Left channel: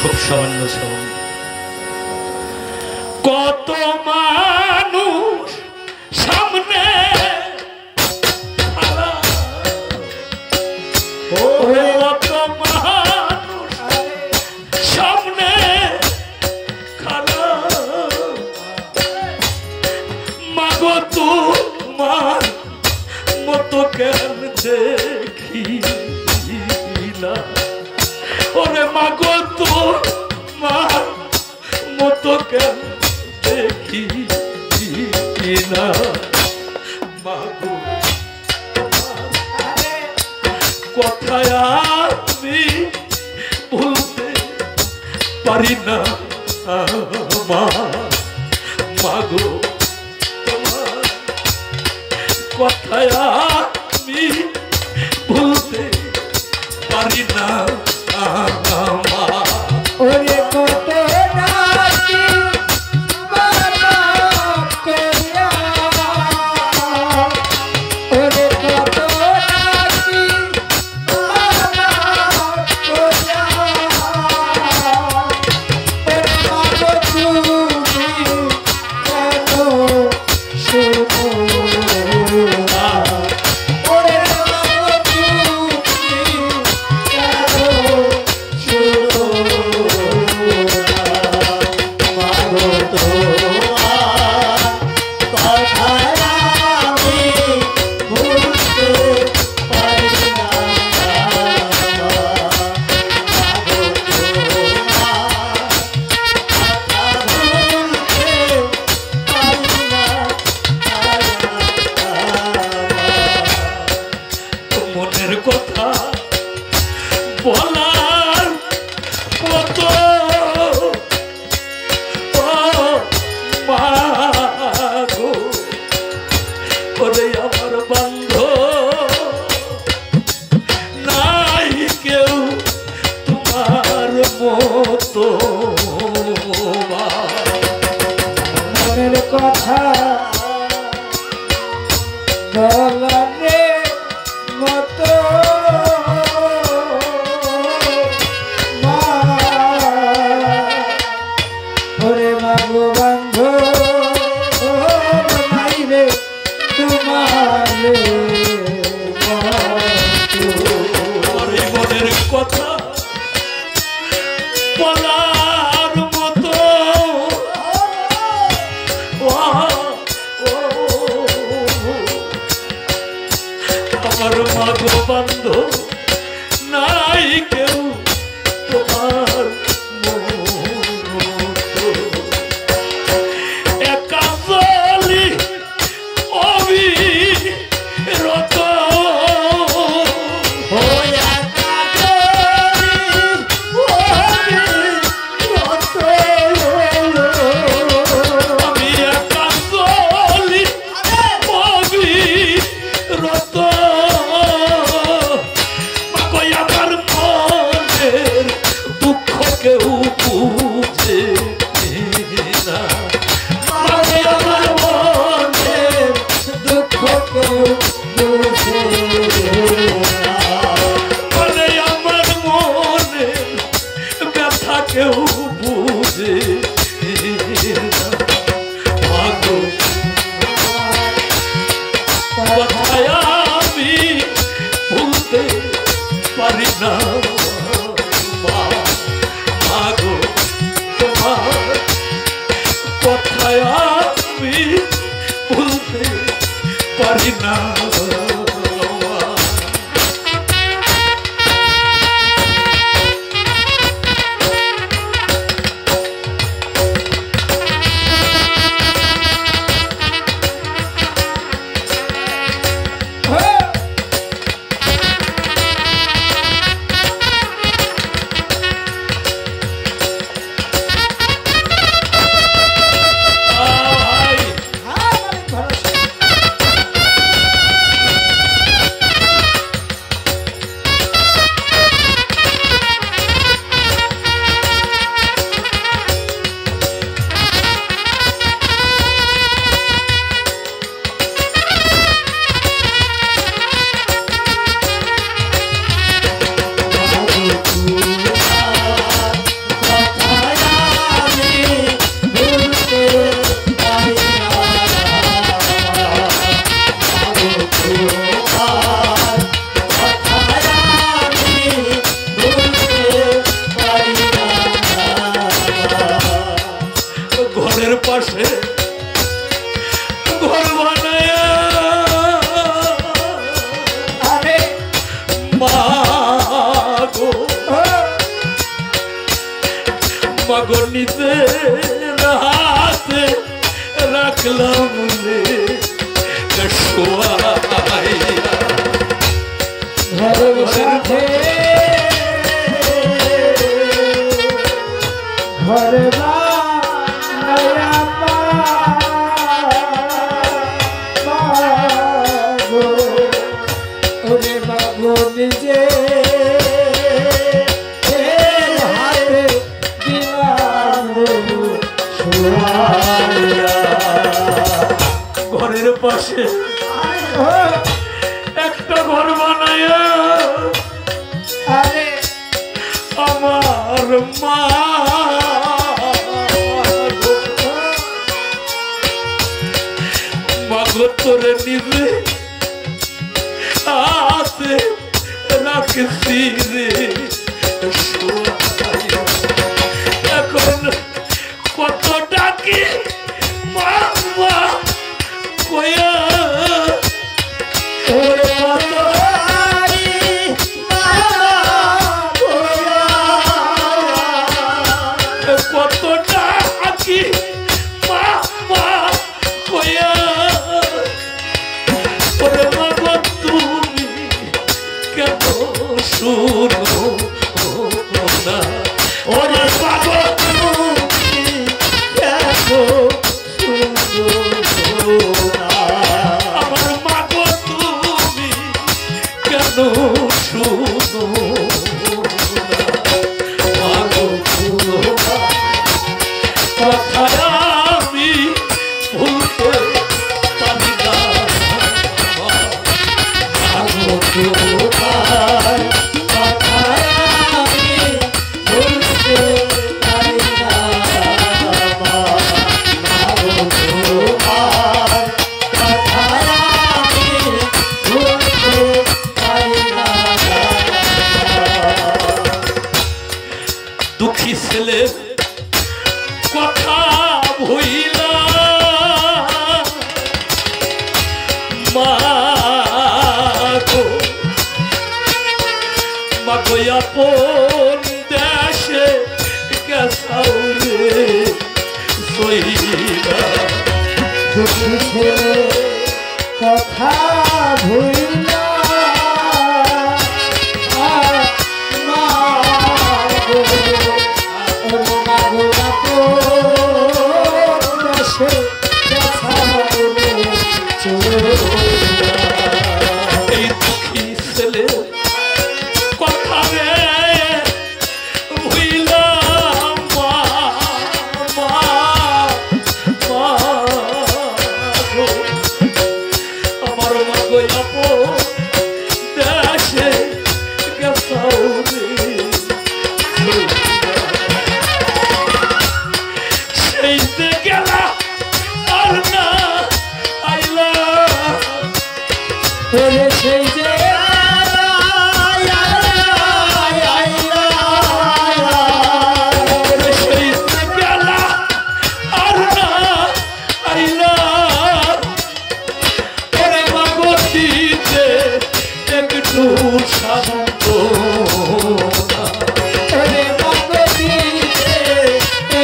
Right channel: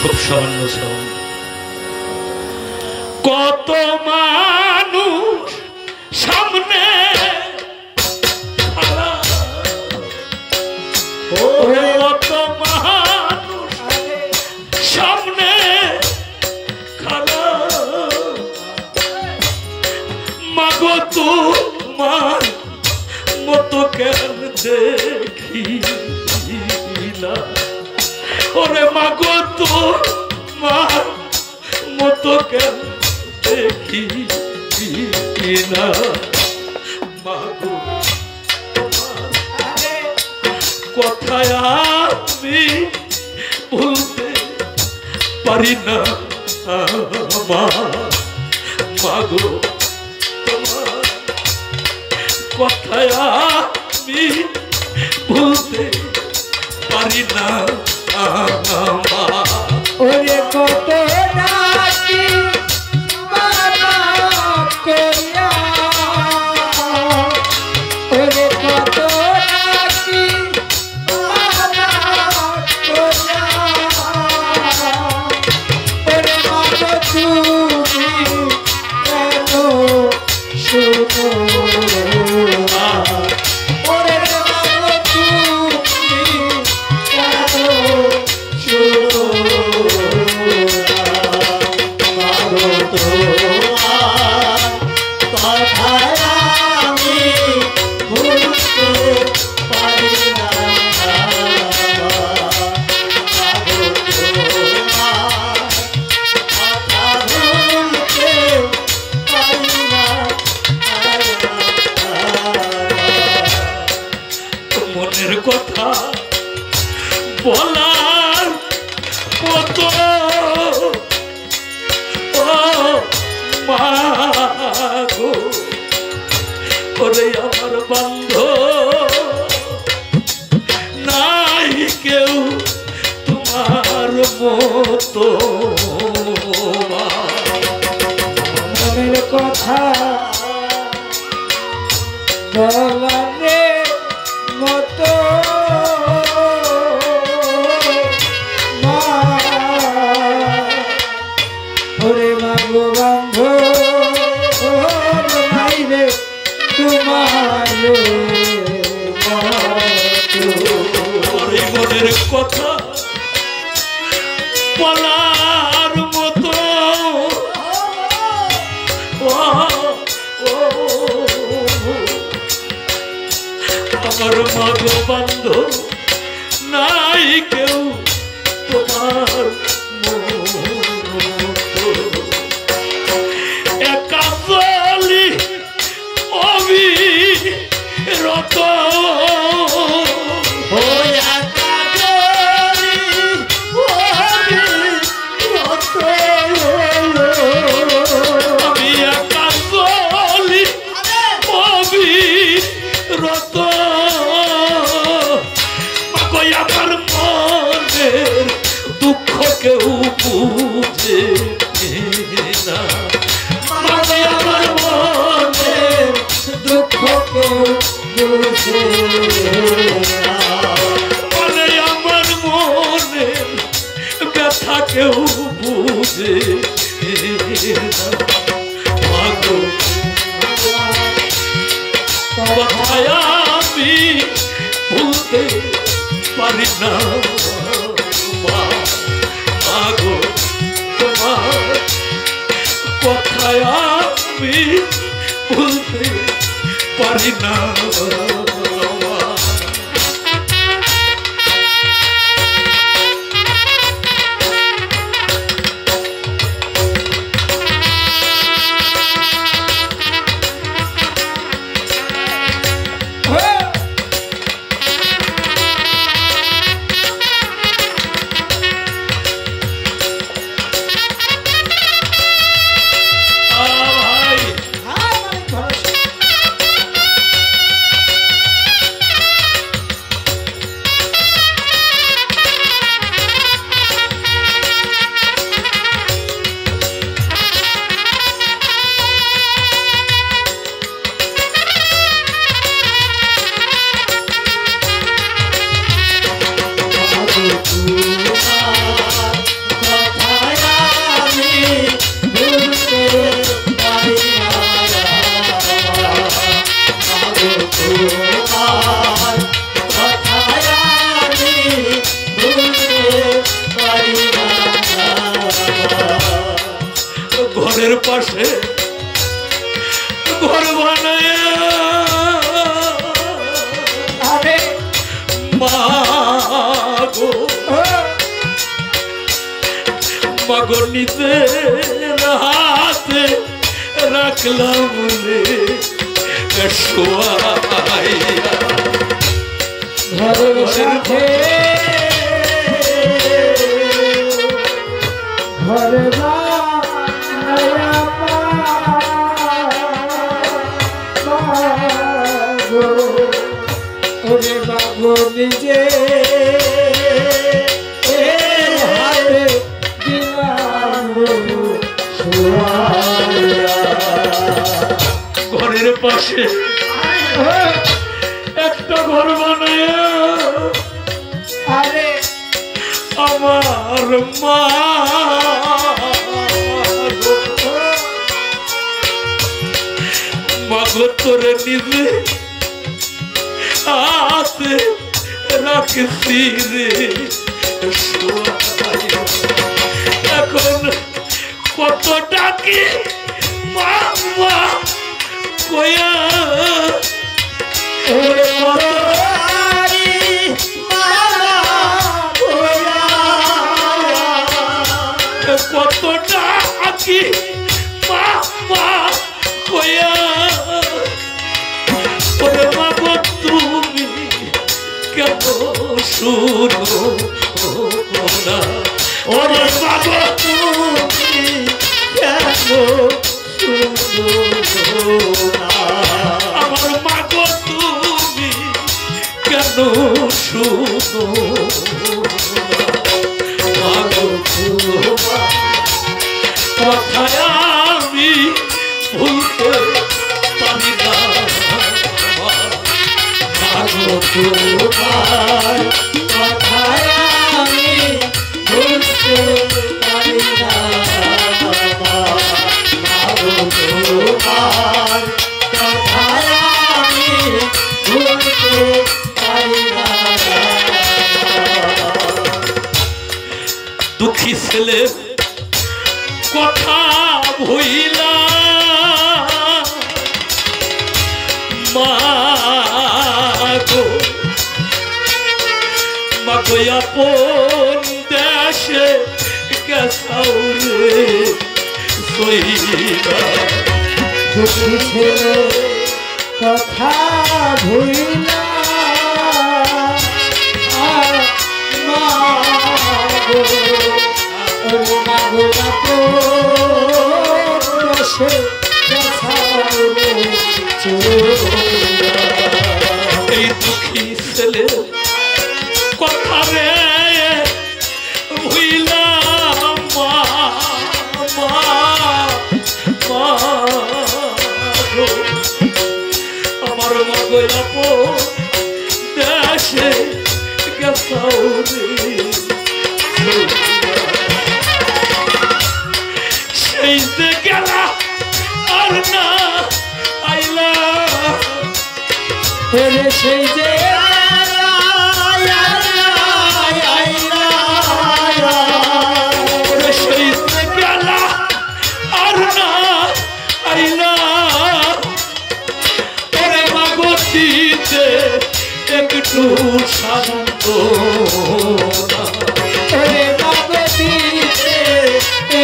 খুব সামান্য সাউন্ড। কত মানুষ সামনে খাড়া, কত মানুষ সামনে খাড়া, মাগো তোমার মতো কেন দেখিলা, ওরে মাগো তোমার মতো কেন দেখি না, মাগো কথায় আমি ভুলতে পারি না, মাগো তোমার কথায় আমি ভুলতে পারি না, ওরে কত ডাকি বাবা করিয়া, ওরে কত ডাকি বাবা করিয়া, ওরে মাগো তুমি এত শুনো না, ওরে মাগো তুমি এত শুনো না, মাগো তোমার কথায় আমি ভুলতে পারি না, মাগো তোমার কথা ভুলতে পারি না, মনের কথা বলার মতো মাগো, ওরে আমার বান্ধব নাই কেউ তোমার মতো, মনের কথা বলারে মতো মা, ওরে মাগো বান্ধব নাই রে তোমার ওরে মনের কথা বলার মতো আমার মাগো বান্ধব নাই কেউ তোমার মতো, একা চলি অবিরত, আমি একা চলি অবিরত, মাগো আমার মনের দুঃখ কেউ বুঝে না, মাগো আমার মনের দুঃখ কেউ বুঝে না, মানে আমার মনের ব্যথা কেউ বুঝে না, মাগো কথায় আমি ভুলতে পারি না, মাগো তোমার কথায় আমি ভুলতে পারি না। পাশে ঘর বানায় আরে মাগো মাগো নিজের হাতে রাখলাম রে শোয়াইয়া ঘরের সাথে ঘরে বানায়া মাগো ওরে মাগো নিজে হাতে দিলাম শোয়াইয়া ঘরের পাশে একটা ঘর বানায়া আরে আমার মা মাগো তোরে নিজে হাতে রাখছি রে শোয়াইয়া। এখন কত ডাকি মা মা কয়া ওরে মতারি মালা গোয়া কত ডাকি মা মা কয়া ওরে মাগো তুমি কেন শুনো না ওরে মাগো তুমি কেন শুনো না আমার মাগো তুমি কেন শুনো মাগো শুনো কথায় আমি ভুলতে পারি না মাগো তোমার কথায় আমি ভুলতে পারি না মাগো তোমার কথায় আমি ভুলতে পারি না দুঃখী ছেলে কথা ভইলা মাগো মাগো আপন দেশে গেছাও রে সইবা দুঃখী ছেলে কথা ভুলিনা মাগো ওরে মাগো আপন দেশে গেছাও রে চলিয়া এই দুঃখী ছেলে কথা রে ভুইলা মা মা মাগো আমার মাগো আপন দেশে গেছাও রে সেই যে গেলা আর না আইলা ওরে সেই যে ওরে সেই যে গেলা আর না আইলা ওরে মাগো দিতে একটু শান্ত ওরে মাগো দিতে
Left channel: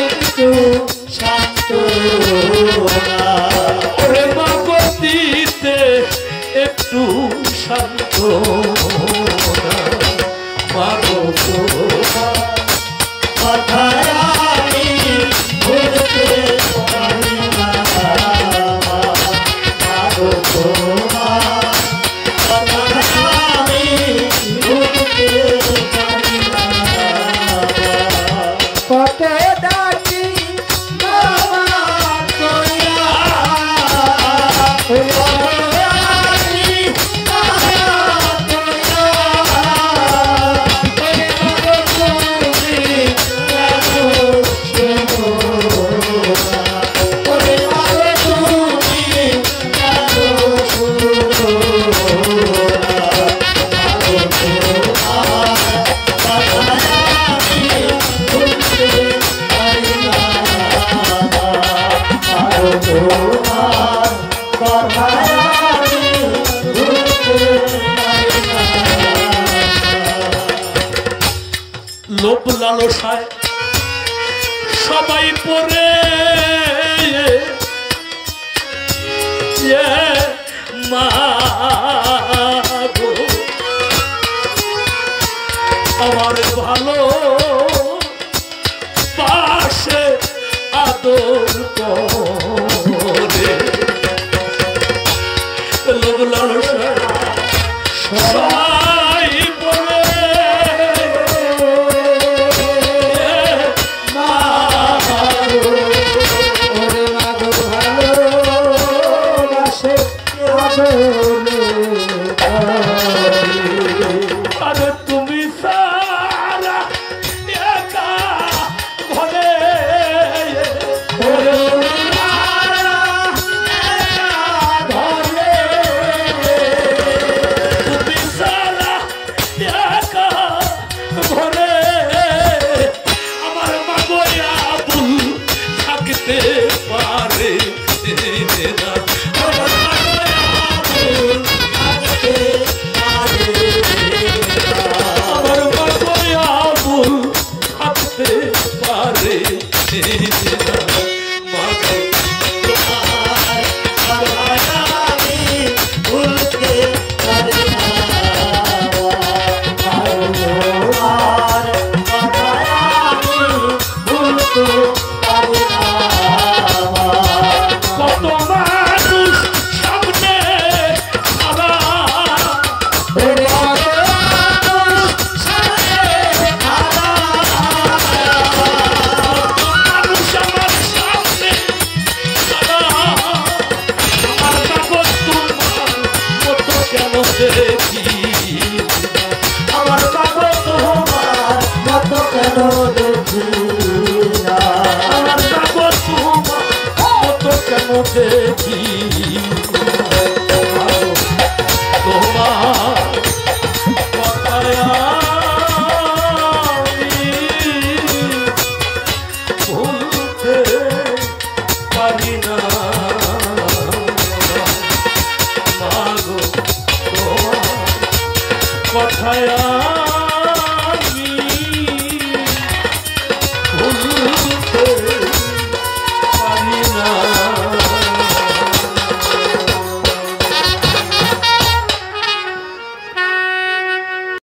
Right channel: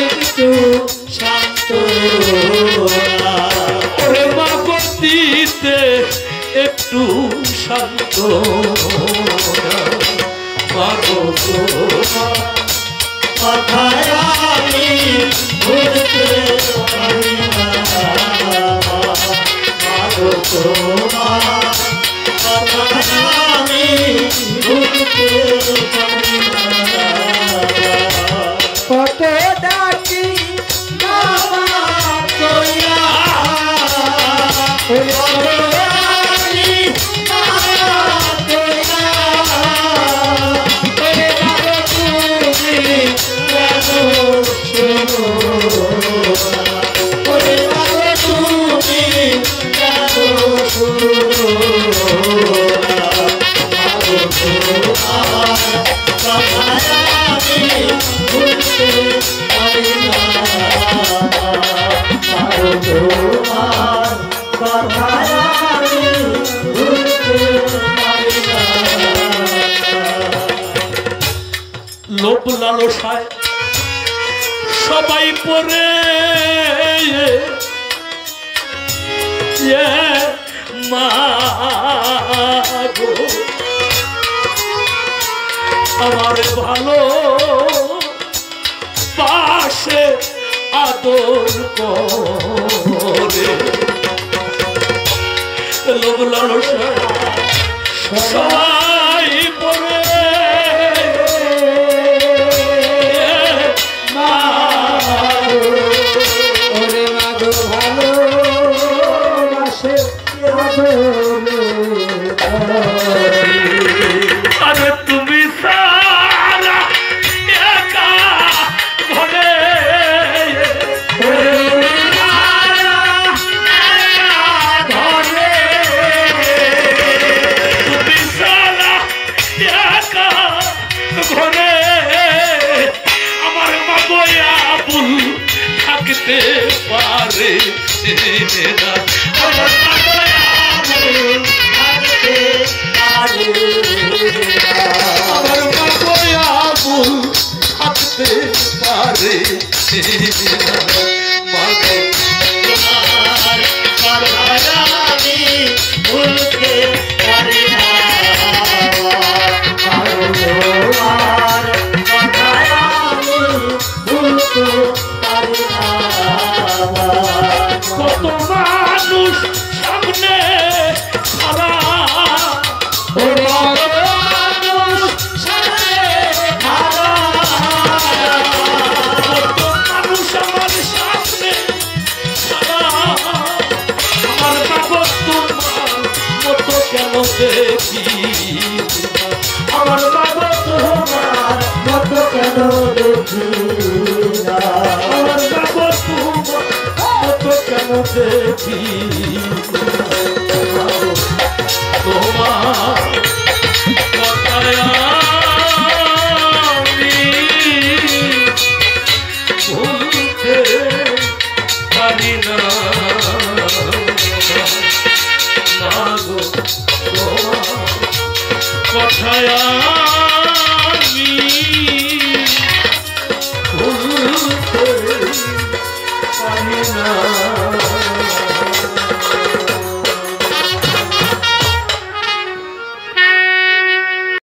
একটু শান্ত ওরে মাগো দিতে একটু শান্ত মাগো কথায় আমি ভুলতে পারি না মাগো তোমার কথায় আমি ভুলতে পারি না কত ডাকি বাবা কইয়া লোভ লালসায় সবাই পরে মা গো আমার ভালো পাশে আদর করে লোভ লালসায় সবাই পরে ওরে মাগো ভালোবাসে আরে তুমি সারা একা ঘরে তুমি সারা একা ঘরে আমার মাগোয়া বুল থাকতে পারে না আমার আমার মাগোয়া বুল থাকতে পারে মাগো ভুলতে পারে না আর কথায় ভুলতে পারে না কত মানুষ সামনে সারা দেখি আমার বাবা তোমার মতো কেন দেখি আমার বাবা তোমার মতো কেন দেখি তোমার কথায় আমি ভুলতে পারি না মাগো তোমার কথায় আমি ভুলতে